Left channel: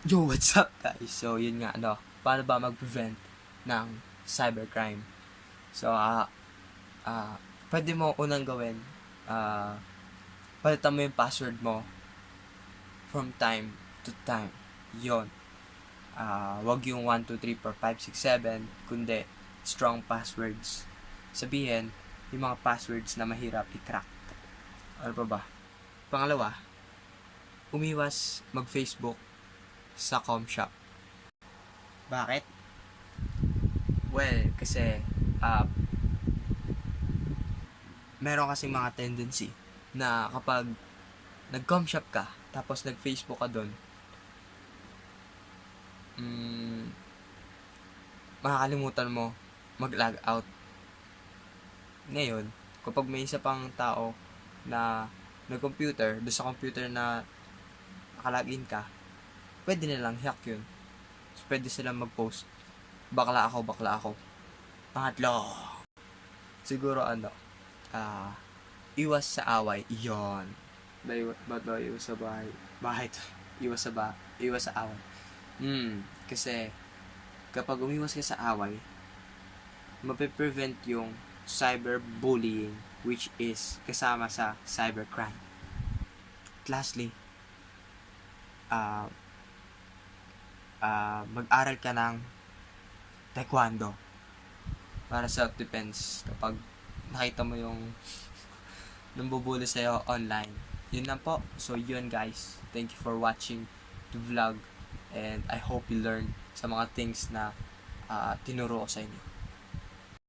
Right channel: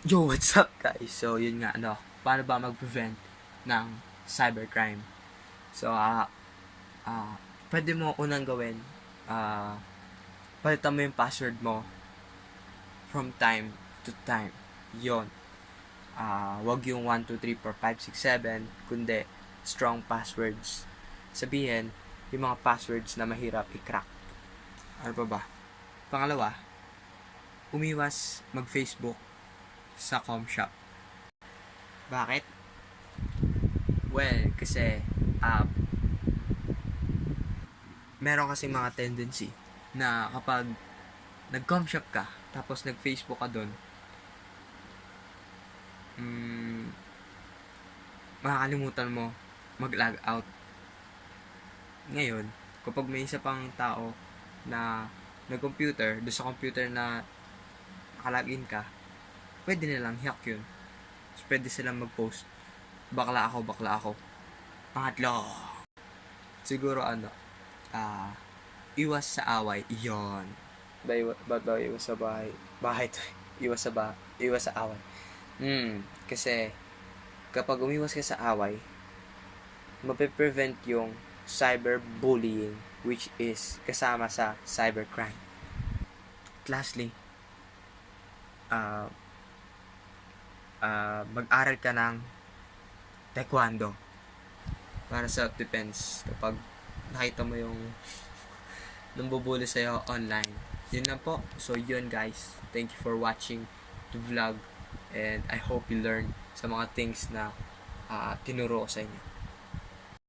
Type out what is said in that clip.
Yo, what's up guys? So, yun nga, paano ba mag-prevent ng cybercrime? So, pwede mo unang gawin, palitan mo yung password mo from time to time. Yun. Wag yung 1, 2, 3, 4, 5, 6, 7, kundi strong passwords. Sabihin, yung mga passwords na mahirap i-crack. Ano pa ba? Pangalawa, umiwas mag-Facebook sa com shop. Bakit? Well, kasi meron kasing mga tendency na kapag nag-com shop ka, tapos nag-Facebook ka doon, makakalimutan mo mag-log out. Ngayon, kapag may isa pang tao na nag-computer, doon sa computer na nakalagin ka, pwede nilang hack yun. So, pwede silang mag-post, bakla ako. Pangatlo, siguro iwas sa away. Iyon. Ba't ba iwas sa bahay? Iwas sa away. Kasi, kapag umiwas ka sa away, mape-prevent yung cyberbullying, which is kasama sa cybercrime. At lastly, mag-aral ka ng taekwondo para self-defense kapag nakita mo yung nambubuli sa'yo online. Yun lang po. So yun guys, thank you for watching the vlog and I hope you learn sa mga things na tinuro ko sa inyo.